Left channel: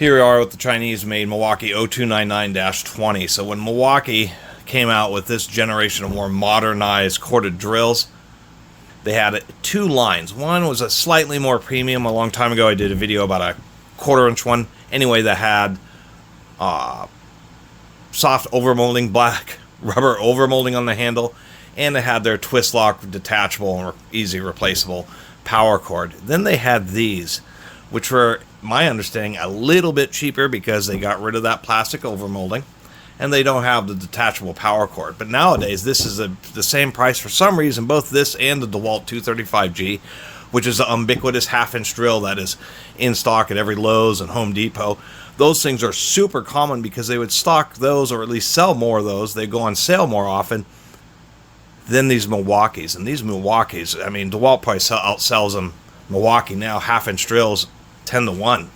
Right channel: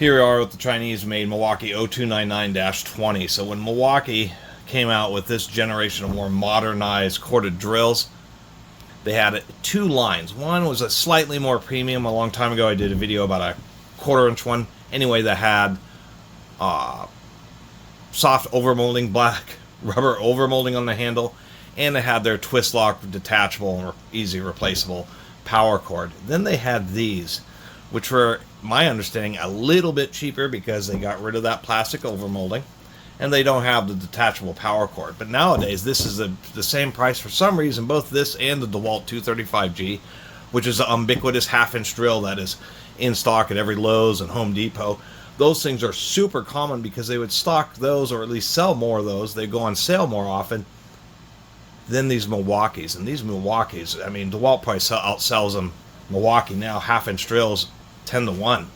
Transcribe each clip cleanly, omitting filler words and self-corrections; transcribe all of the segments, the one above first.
Here we are with the Chinese-made Milwaukee 0299-20. So when Milwaukee came out with this generation of more modernized corded drills, they had two lines. One was a slightly more premium. A long time ago I did a video about a quarter-inch one. Anyway, that had soft overmolding, black rubber overmolding on the handle, and they had their twist lock, detachable, or easy replaceable power cord. Then they had these, which were, my understanding, a little bit cheaper because they got rid of that plastic overmolding, and they don't have the detachable power cord. But nowadays, this is the same price for some reason. Both this and the DeWalt 235G, which is an ubiquitous half-inch drill that is in stock at every Lowe's and Home Depot. Those things are super common because they would stock those, or at least sell more of those. They go on sale more often than these Milwaukees. And these Milwaukees, I mean, DeWalt probably outsells them. Milwaukee now, half-inch drills, 10 to 1.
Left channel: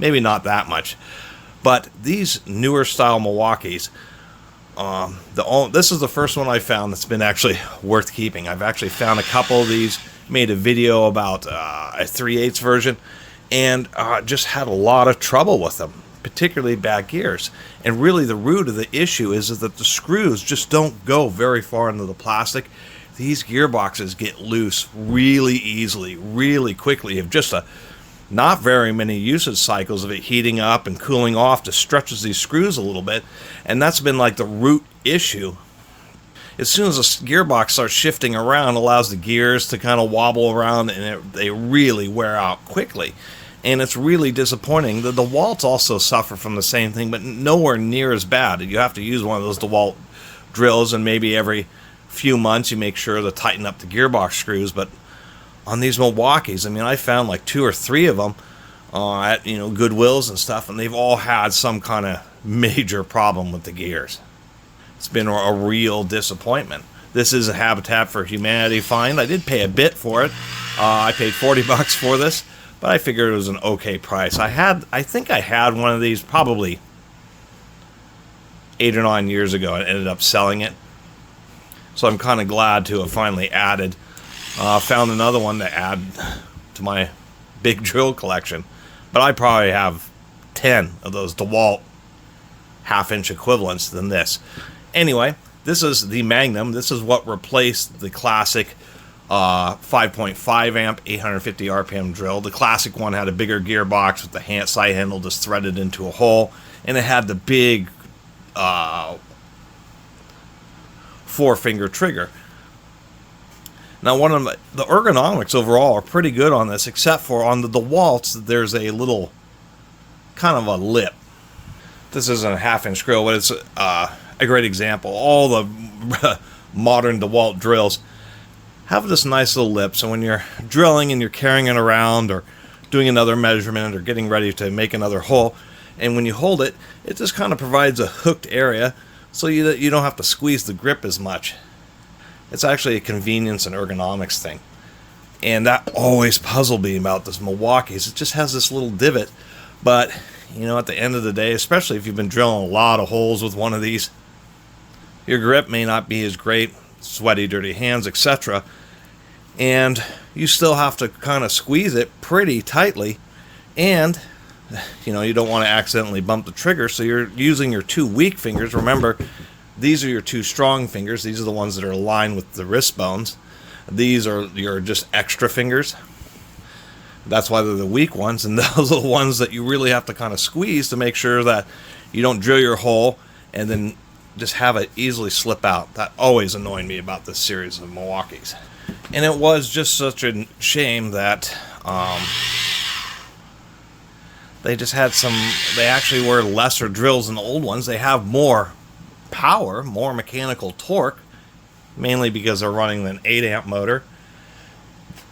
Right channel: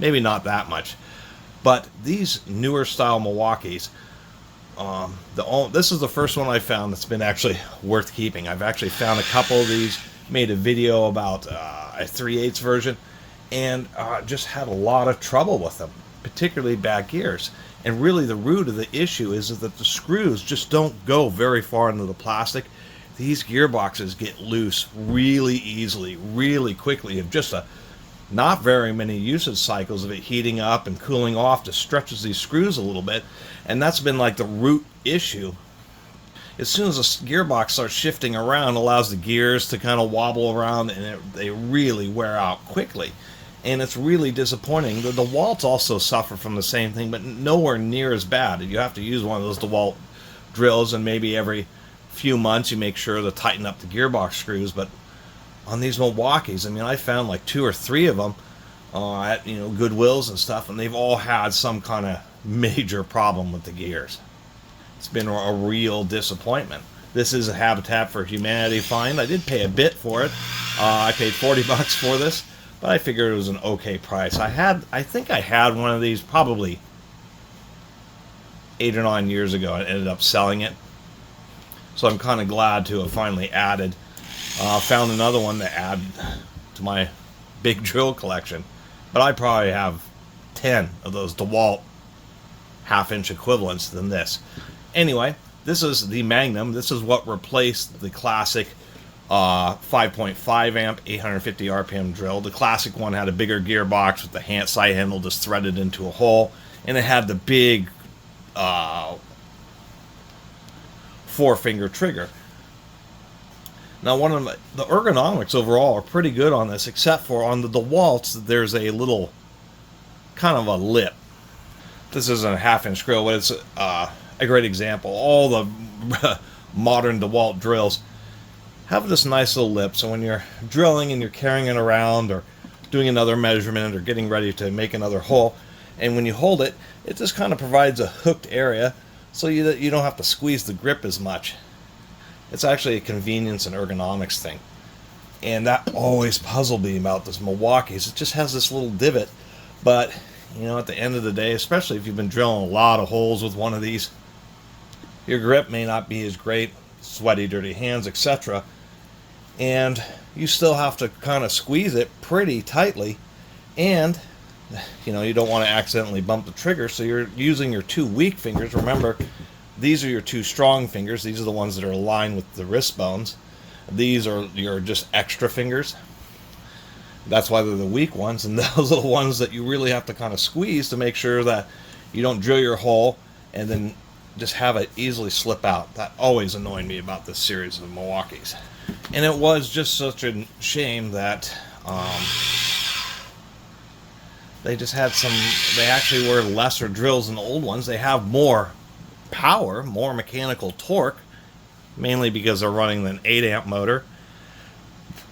Maybe not that much. But these newer style Milwaukees, this is the first one I found that's been actually worth keeping. I've actually found a couple of these, made a video about a 3/8 version, and just had a lot of trouble with them, particularly bad gears. And really the root of the issue is that the screws just don't go very far into the plastic. These gearboxes get loose really easily, really quickly. If just not very many usage cycles of it heating up and cooling off just stretches these screws a little bit, and that's been like the root issue. As soon as the gearbox starts shifting around, it allows the gears to kind of wobble around, and they really wear out quickly. And it's really disappointing. The DeWalts also suffer from the same thing, but nowhere near as bad. You have to use one of those DeWalt drills, and maybe every few months you make sure to tighten up the gearbox screws. But on these Milwaukees, I mean, I found like 2 or 3 of them at Goodwills and stuff, and they've all had some kind of major problem with the gears. It's been a real disappointment. This is a Habitat for Humanity find. I did pay a bit for it. I paid $40 for this, but I figured it was an okay price. I think I had one of these probably 8 or 9 years ago. I ended up selling it, so I'm kind of glad to have finally added. Found another one to add to my big drill collection, but I probably have 10 of those DeWalt half-inch equivalents than this. Anyway, this is the Magnum. This is what replaced the classic 5.5 amp 850 RPM drill. The classic one had a bigger gearbox with the side handle just threaded into a hole, and it had the big 4-finger trigger. Now, one of the ergonomics overall are pretty good on this, except for on the DeWalts, there's a little kind of a lip. This isn't a half-inch drill, but it's a great example. All the modern DeWalt drills have this nice little lip, so when you're drilling and you're carrying it around or doing another measurement or getting ready to make another hole, and when you hold it, it just kind of provides a hooked area so you don't have to squeeze the grip as much. It's actually a convenience and ergonomics thing. And that always puzzled me about this Milwaukee's. It just has this little divot, but at the end of the day, especially if you've been drilling a lot of holes with one of these, your grip may not be as great, sweaty, dirty hands, etc. And you still have to kind of squeeze it pretty tightly, and you don't want to accidentally bump the trigger, so you're using your 2 weak fingers. Remember, these are your 2 strong fingers. These are the ones that are aligned with the wrist bones. These are your just extra fingers. That's why they're the weak ones, and those are the ones that you really have to kind of squeeze to make sure that you don't drill your hole and then just have it easily slip out. That always annoyed me about this series of Milwaukees. And it was just such a shame that they just had they actually were lesser drills than the old ones. They have more power, more mechanical torque, mainly because they're running an 8 amp motor.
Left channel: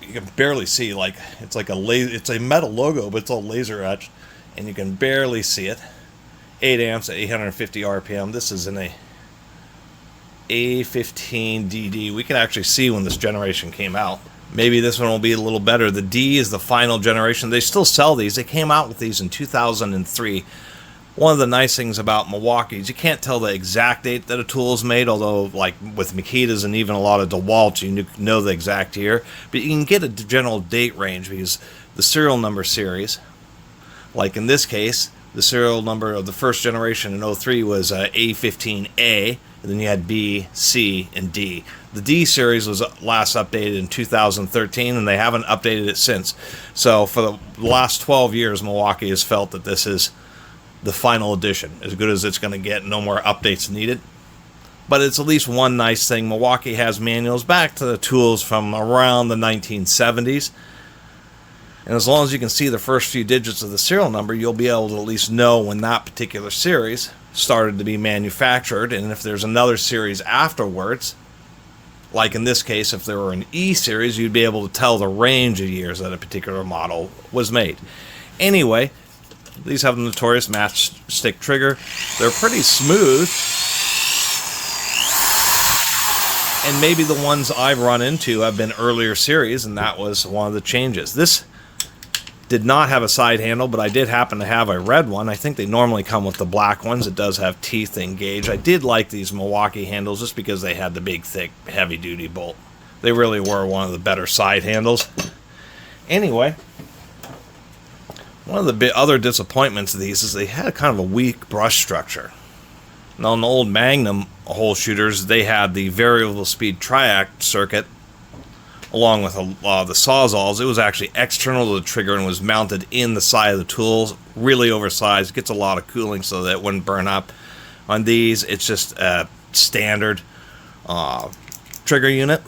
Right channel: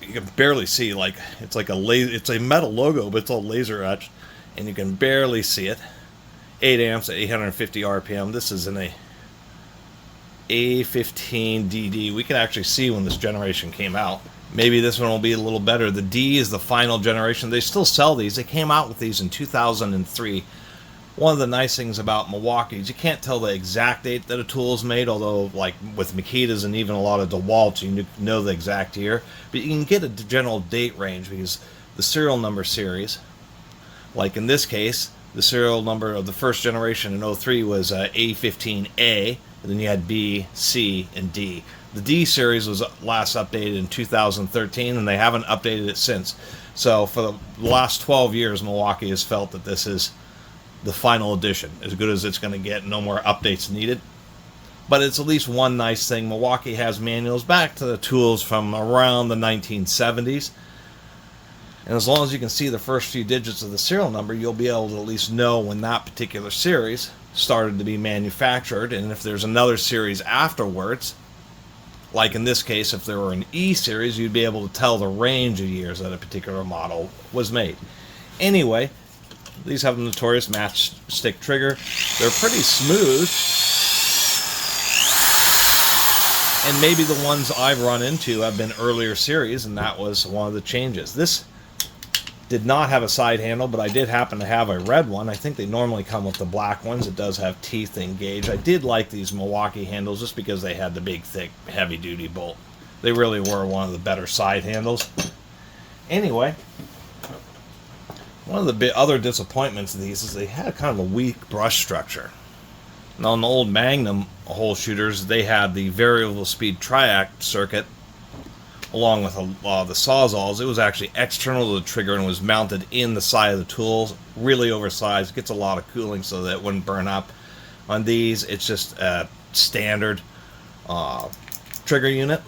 You can barely see, it's a metal logo, but it's all laser etched, and you can barely see it. 8 amps at 850 RPM. This is in a A15DD. We can actually see when this generation came out. Maybe this one will be a little better. The D is the final generation. They still sell these. They came out with these in 2003. One of the nice things about Milwaukee's, you can't tell the exact date that a tool is made, although like with Makitas and even a lot of DeWalts, you know the exact year. But you can get a general date range because the serial number series, like in this case, The serial number of the first generation in '03 was A15A, and then you had B, C, and D. The D series was last updated in 2013, and they haven't updated it since. So for the last 12 years, Milwaukee has felt that this is the final edition, as good as it's going to get, no more updates needed. But it's at least one nice thing. Milwaukee has manuals back to the tools from around the 1970s. And as long as you can see the first few digits of the serial number, you'll be able to at least know when that particular series started to be manufactured. And if there's another series afterwards, like in this case, if there were an E series, you'd be able to tell the range of years that a particular model was made. Anyway, these have a notorious matchstick trigger. They're pretty smooth. And maybe the ones I've run into have been earlier series, and that was one of the changes. This did not have a side handle, but I did happen to have a red one. I think they normally come with the black ones. It does have teeth engaged. I did like these Milwaukee handles just because they had the big, thick, heavy-duty bolt. They really were one of the better side handles. Anyway, one of the other disappointments of these is they had a kind of a weak brush structure. Now, on the old Magnum hole shooters, they had the variable speed triac circuit along with the Sawzalls. It was actually external to the trigger and was mounted in the side of the tools, really oversized. It gets a lot of cooling so that it wouldn't burn up. On these, it's just a standard trigger unit.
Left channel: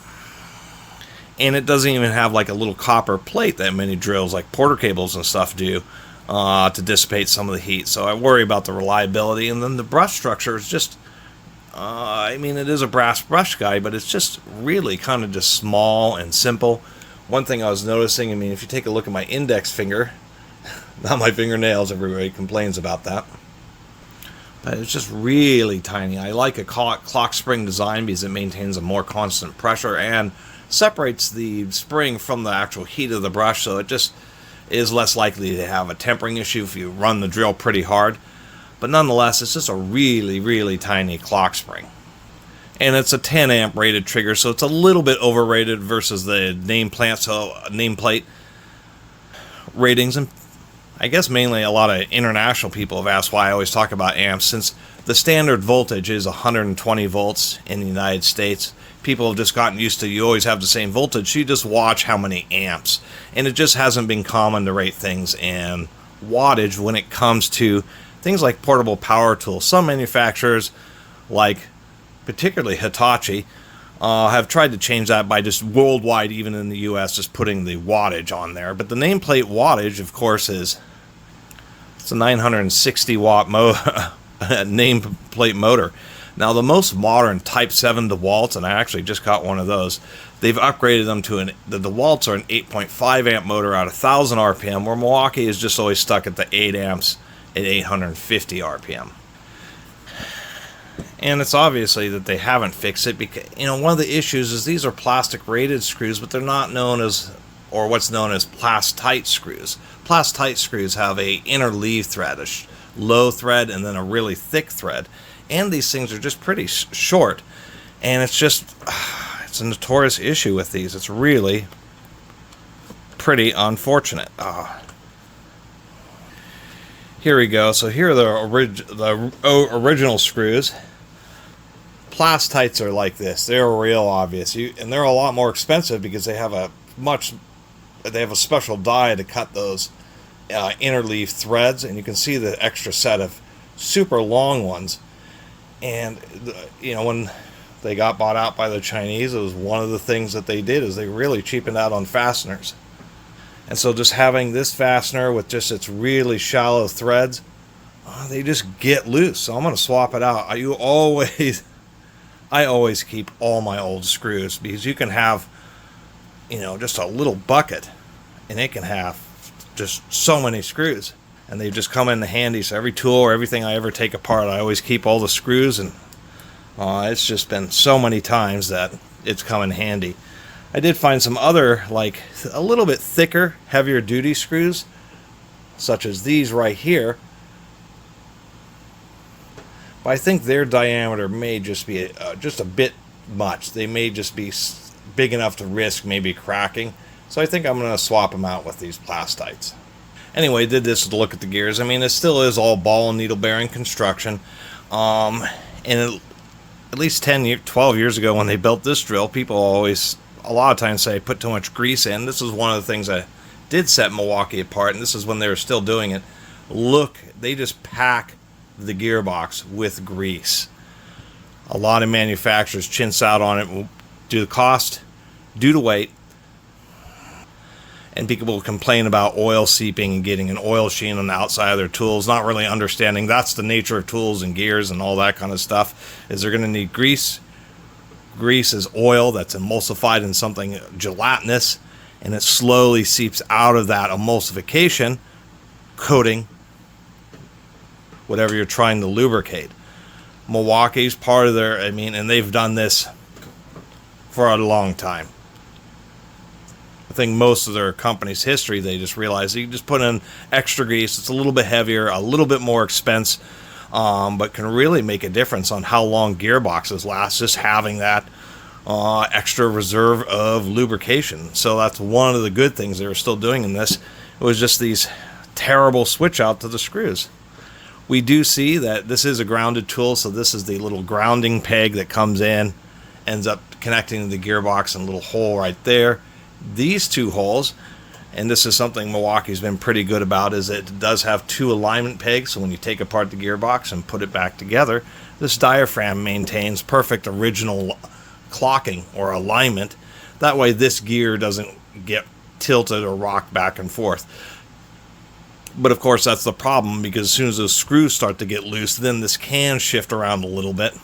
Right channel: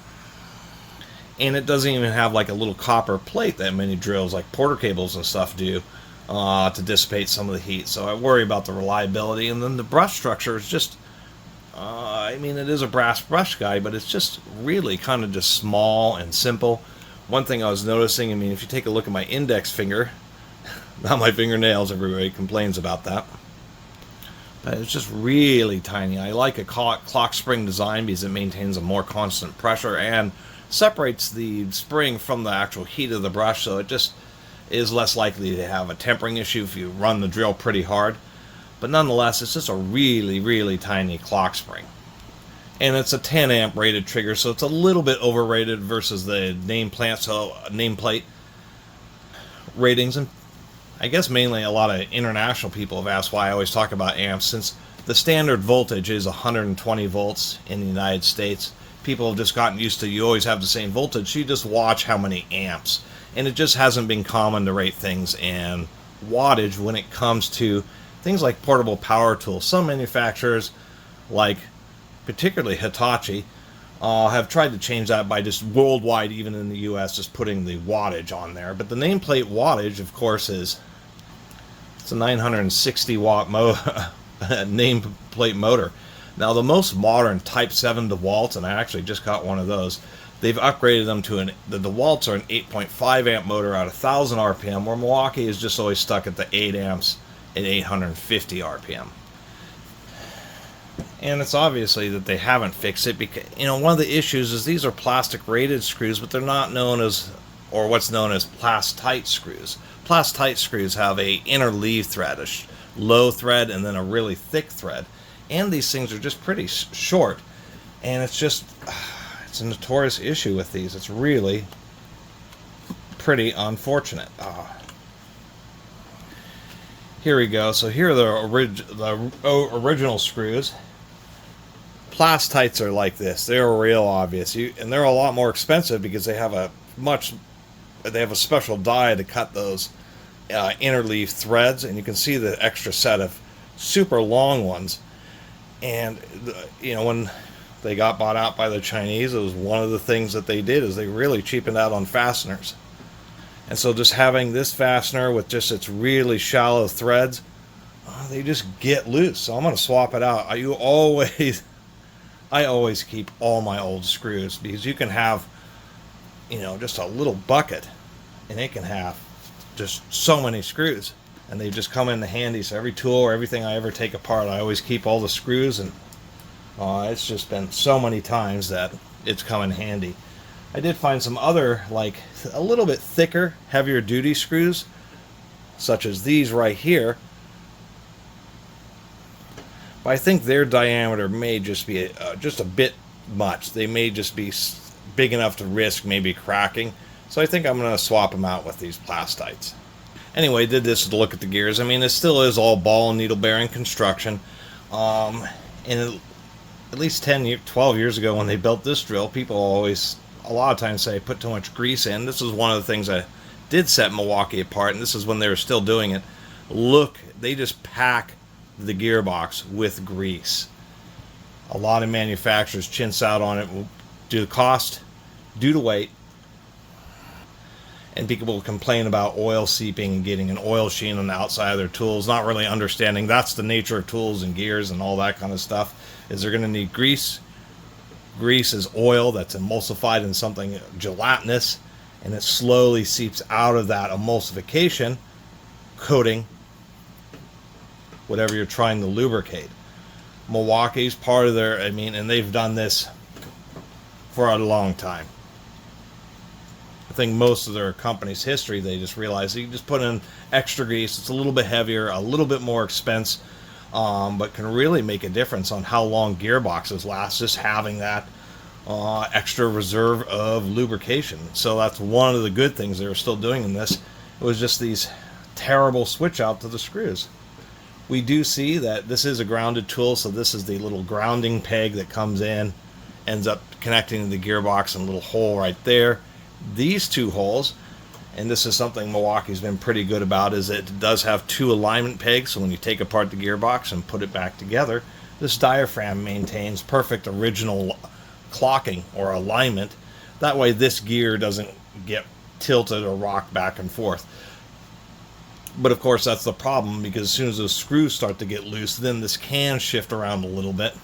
And it doesn't even have like a little copper plate that many drills like porter cables and stuff do to dissipate some of the heat. So I worry about the reliability. And then the brush structure is just, I mean, it is a brass brush guide, but it's just really kind of just small and simple. One thing I was noticing, I mean, if you take a look at my index finger, not my fingernails, everybody complains about that, but it's just really tiny. I like a clock spring design because it maintains a more constant pressure and separates the spring from the actual heat of the brush, so it just is less likely to have a tempering issue if you run the drill pretty hard. But nonetheless, it's just a really, really tiny clock spring. And it's a 10 amp rated trigger, so it's a little bit overrated versus the nameplate ratings. And I guess mainly a lot of international people have asked why I always talk about amps, since the standard voltage is 120 volts in the United States. People have just gotten used to, you always have the same voltage, so you just watch how many amps. And it just hasn't been common to rate things in wattage when it comes to things like portable power tools. Some manufacturers, like particularly Hitachi, have tried to change that by just worldwide, even in the US, just putting the wattage on there. But the nameplate wattage, of course, it's a 960 watt nameplate motor. Now, the most modern Type 7 DeWalt's, and I actually just got one of those, they've upgraded them to the DeWalt's are an 8.5 amp motor at 1,000 RPM, where Milwaukee is just always stuck at the 8 amps at 850 RPM. And it's obviously that they haven't fixed it because, you know, one of the issues is these are plastic rated screws, but they're not known as, or what's known as Plastite screws. Plastite screws have a inner leave thread, a low thread, and then a really thick thread. And these things are just pretty short. And it's just, it's a notorious issue with these. It's really pretty unfortunate. Here we go. So here are the original screws. Plastites are like this. They're real obvious. And they're a lot more expensive because they have a special die to cut those interleave threads, and you can see the extra set of super long ones. And you know, when they got bought out by the Chinese, it was one of the things that they did is they really cheapened out on fasteners. And so just having this fastener with just its really shallow threads, they just get loose. So I'm going to swap it out. I always keep all my old screws because you can have, you know, just a little bucket and it can have just so many screws. And they just come in handy. So every tool or everything I ever take apart, I always keep all the screws. And it's just been so many times that it's come in handy. I did find some other, like, a little bit thicker, heavier duty screws, such as these right here. But I think their diameter may just be just a bit much. They may just be big enough to risk maybe cracking. So I think I'm going to swap them out with these Plastites. Anyway, did this to look at the gears. I mean, it still is all ball and needle bearing construction. And at least 12 years ago when they built this drill, people always, a lot of times say, put too much grease in. This is one of the things that did set Milwaukee apart, and this is when they were still doing it. Look, they just pack the gearbox with grease. A lot of manufacturers chintz out on it due to cost, due to weight, and people will complain about oil seeping and getting an oil sheen on the outside of their tools, not really understanding that's the nature of tools and gears and all that kind of stuff, is they're going to need grease. Grease is oil that's emulsified in something gelatinous, and it slowly seeps out of that emulsification, coating whatever you're trying to lubricate. Milwaukee's part of their, I mean, and they've done this for a long time. I think most of their company's history, they just realized you can just put in extra grease. It's a little bit heavier, a little bit more expense, but can really make a difference on how long gearboxes last, just having that extra reserve of lubrication. So that's one of the good things they were still doing in this. It was just these terrible switch out to the screws. We do see that this is a grounded tool, so this is the little grounding peg that comes in, ends up connecting to the gearbox in a little hole right there. These two holes, and this is something Milwaukee's been pretty good about, is it does have two alignment pegs, so when you take apart the gearbox and put it back together, this diaphragm maintains perfect original clocking or alignment. That way this gear doesn't get tilted or rocked back and forth. But of course that's the problem, because as soon as those screws start to get loose, then this can shift around a little bit.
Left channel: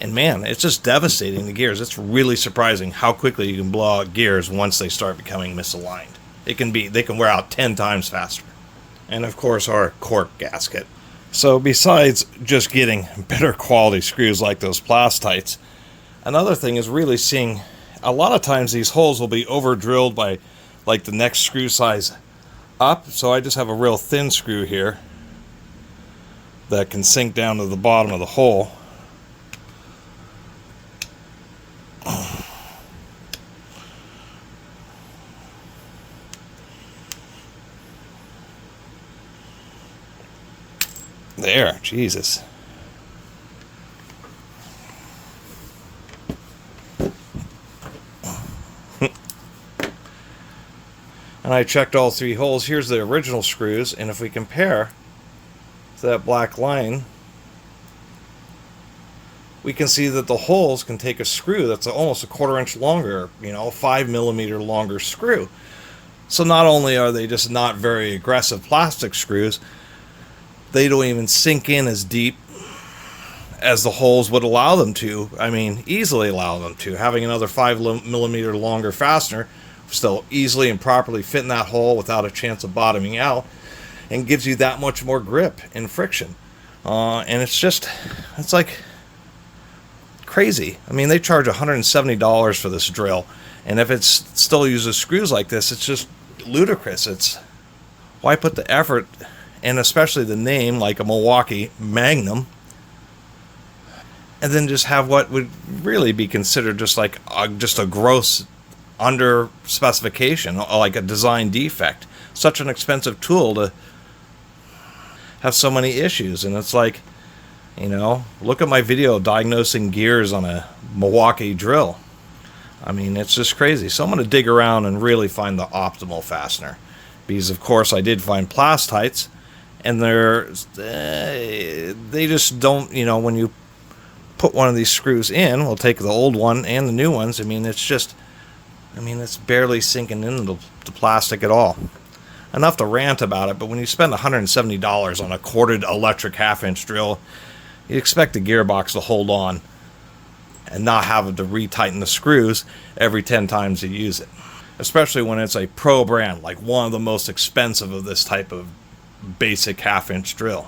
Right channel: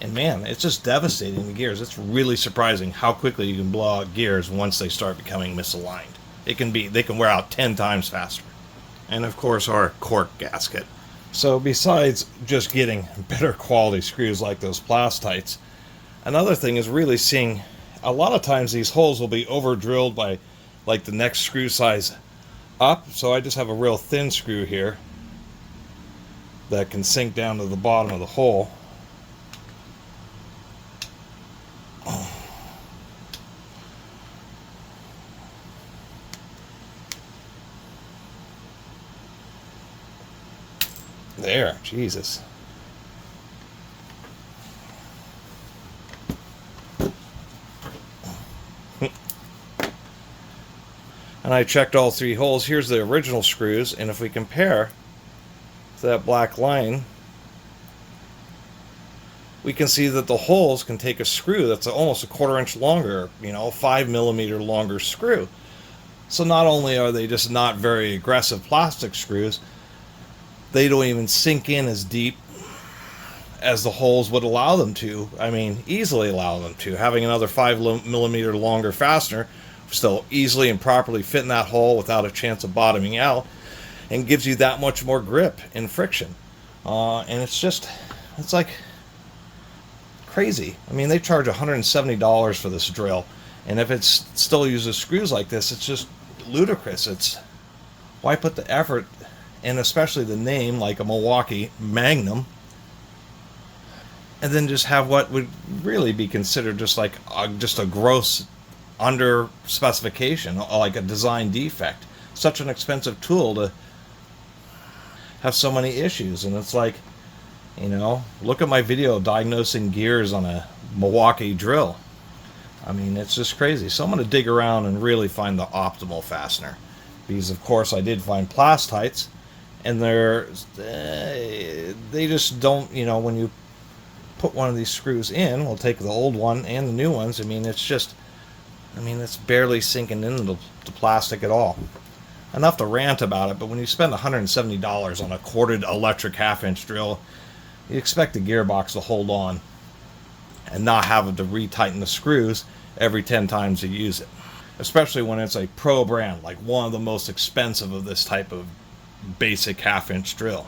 And man, it's just devastating the gears. It's really surprising how quickly you can blow out gears once they start becoming misaligned. They can wear out 10 times faster. And of course our cork gasket. So besides just getting better quality screws like those Plastites, another thing is really seeing a lot of times these holes will be over drilled by like the next screw size up. So I just have a real thin screw here that can sink down to the bottom of the hole. There, Jesus. And I checked all three holes. Here's the original screws, and if we compare to that black line, we can see that the holes can take a screw that's almost a 1/4 inch longer, 5 millimeter longer screw. So not only are they just not very aggressive plastic screws, they don't even sink in as deep as the holes would allow them to. I mean, easily allow them to. Having another 5 millimeter longer fastener still easily and properly fit in that hole without a chance of bottoming out, and gives you that much more grip and friction. And it's like crazy. I mean, they charge $170 for this drill, and if it still uses screws like this, it's just ludicrous. It's why put the effort, and especially the name like a Milwaukee Magnum, and then just have what would really be considered just like just a gross under specification, like a design defect. Such an expensive tool to have so many issues. And it's like, look at my video diagnosing gears on a Milwaukee drill. I mean, it's just crazy. So I'm going to dig around and really find the optimal fastener, because of course I did find Plastites, and they just don't, when you put one of these screws in, we'll take the old one and the new ones, it's barely sinking into the plastic at all. Enough to rant about it, but when you spend $170 on a corded electric 1/2 inch drill, you expect the gearbox to hold on and not have to retighten the screws every 10 times you use it. Especially when it's a pro brand, like one of the most expensive of this type of basic 1/2 inch drill.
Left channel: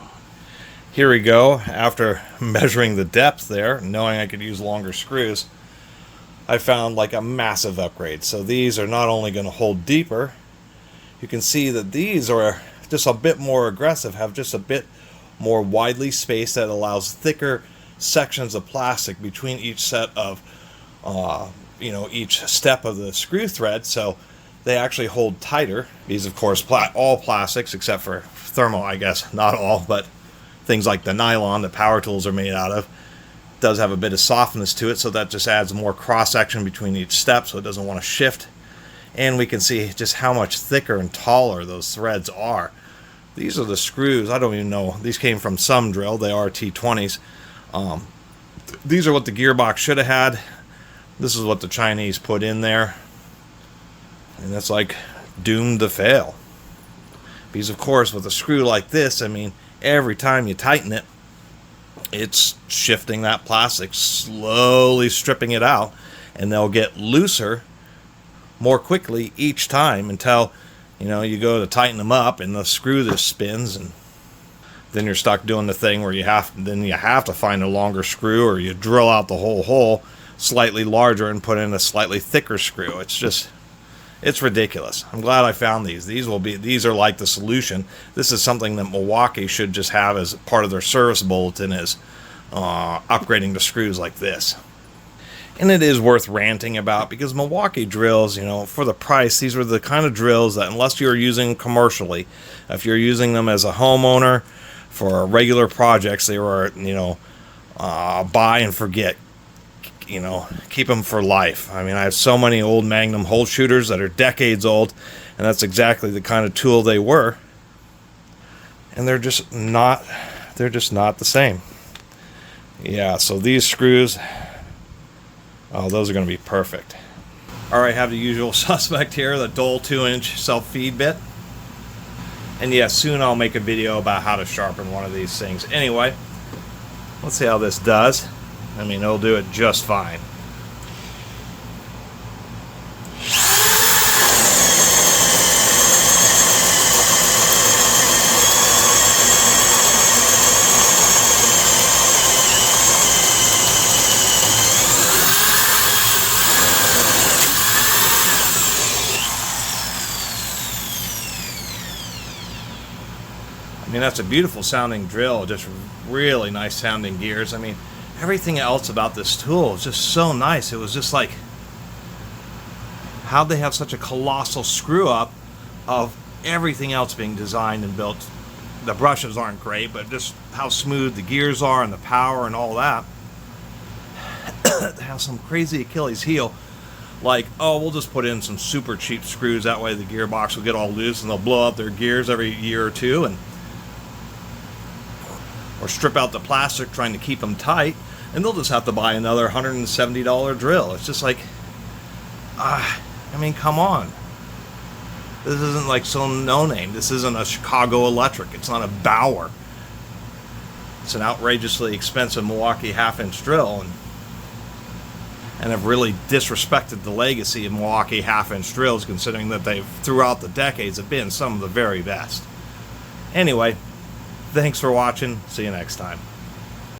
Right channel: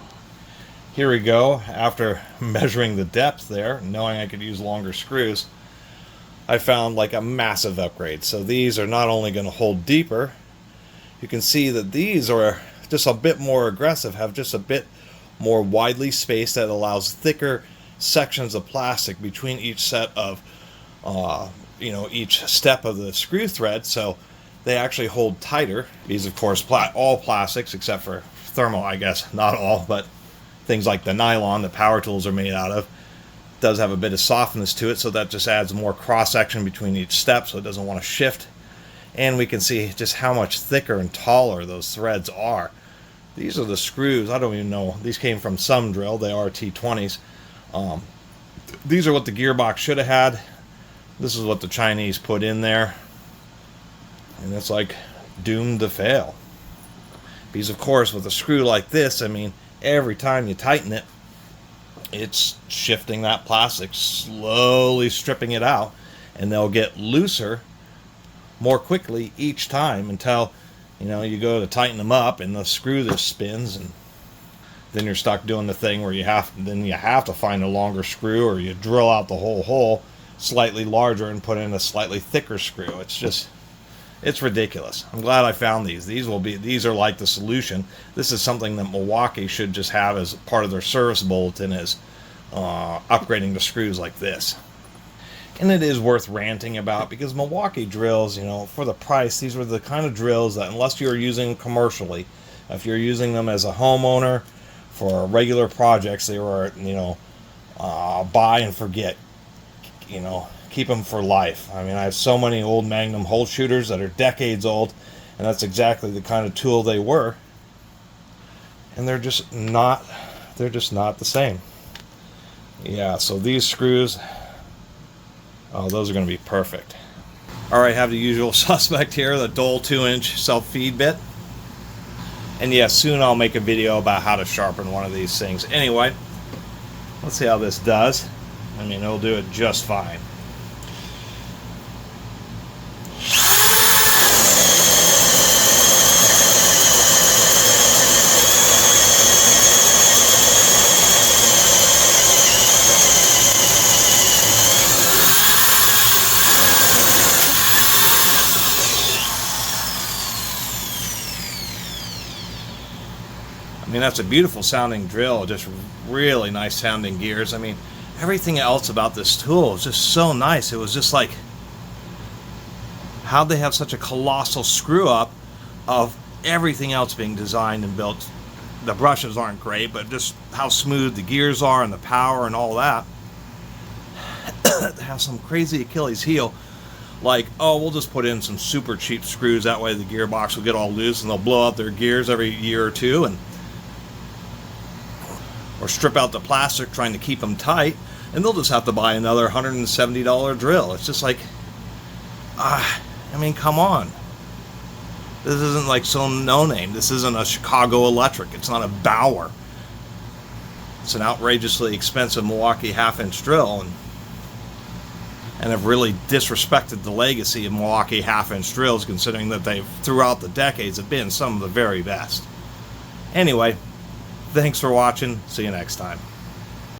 Here we go. After measuring the depth there, knowing I could use longer screws, I found like a massive upgrade. So these are not only going to hold deeper, you can see that these are just a bit more aggressive, have just a bit more widely spaced, that allows thicker sections of plastic between each set of, each step of the screw thread. So they actually hold tighter. These, of course, all plastics except for thermal, I guess. Not all, but things like the nylon that power tools are made out of does have a bit of softness to it, so that just adds more cross-section between each step so it doesn't want to shift. And we can see just how much thicker and taller those threads are. These are the screws. I don't even know. These came from some drill. They are T20s. These are what the gearbox should have had. This is what the Chinese put in there. And that's like doomed to fail. Because, of course, with a screw like this, I mean, every time you tighten it, it's shifting that plastic, slowly stripping it out. And they'll get looser more quickly each time until, you know, you go to tighten them up and the screw just spins, and then you're stuck doing the thing where you have to find a longer screw, or you drill out the whole hole slightly larger and put in a slightly thicker screw. It's ridiculous. I'm glad I found these. These are like the solution. This is something that Milwaukee should just have as part of their service bulletin, is upgrading to screws like this. And it is worth ranting about, because Milwaukee drills, you know, for the price, these were the kind of drills that, unless you're using commercially, if you're using them as a homeowner for regular projects, they were, you know, buy and forget. You know, keep them for life. I mean, I have so many old Magnum hole shooters that are decades old, and that's exactly the kind of tool they were. And they're just not the same. Yeah, so these screws, oh, those are going to be perfect. Alright, have the usual suspect here, the Dole 2-inch self-feed bit. And yeah, soon I'll make a video about how to sharpen one of these things. Anyway, let's see how this does. I mean, it'll do it just fine. I mean, that's a beautiful sounding drill, just really nice sounding gears. I mean, everything else about this tool is just so nice. It was just like, how'd they have such a colossal screw up of everything else being designed and built? The brushes aren't great, but just how smooth the gears are and the power and all that. They have some crazy Achilles heel, like, oh, we'll just put in some super cheap screws, that way the gearbox will get all loose and they'll blow out their gears every year or two, and or strip out the plastic trying to keep them tight, and they'll just have to buy another $170 drill. It's just like, I mean, come on. This isn't like some no-name. This isn't a Chicago Electric. It's not a Bauer. It's an outrageously expensive Milwaukee half-inch drill, and have really disrespected the legacy of Milwaukee half-inch drills, considering that they've, throughout the decades, have been some of the very best. Anyway, thanks for watching. See you next time.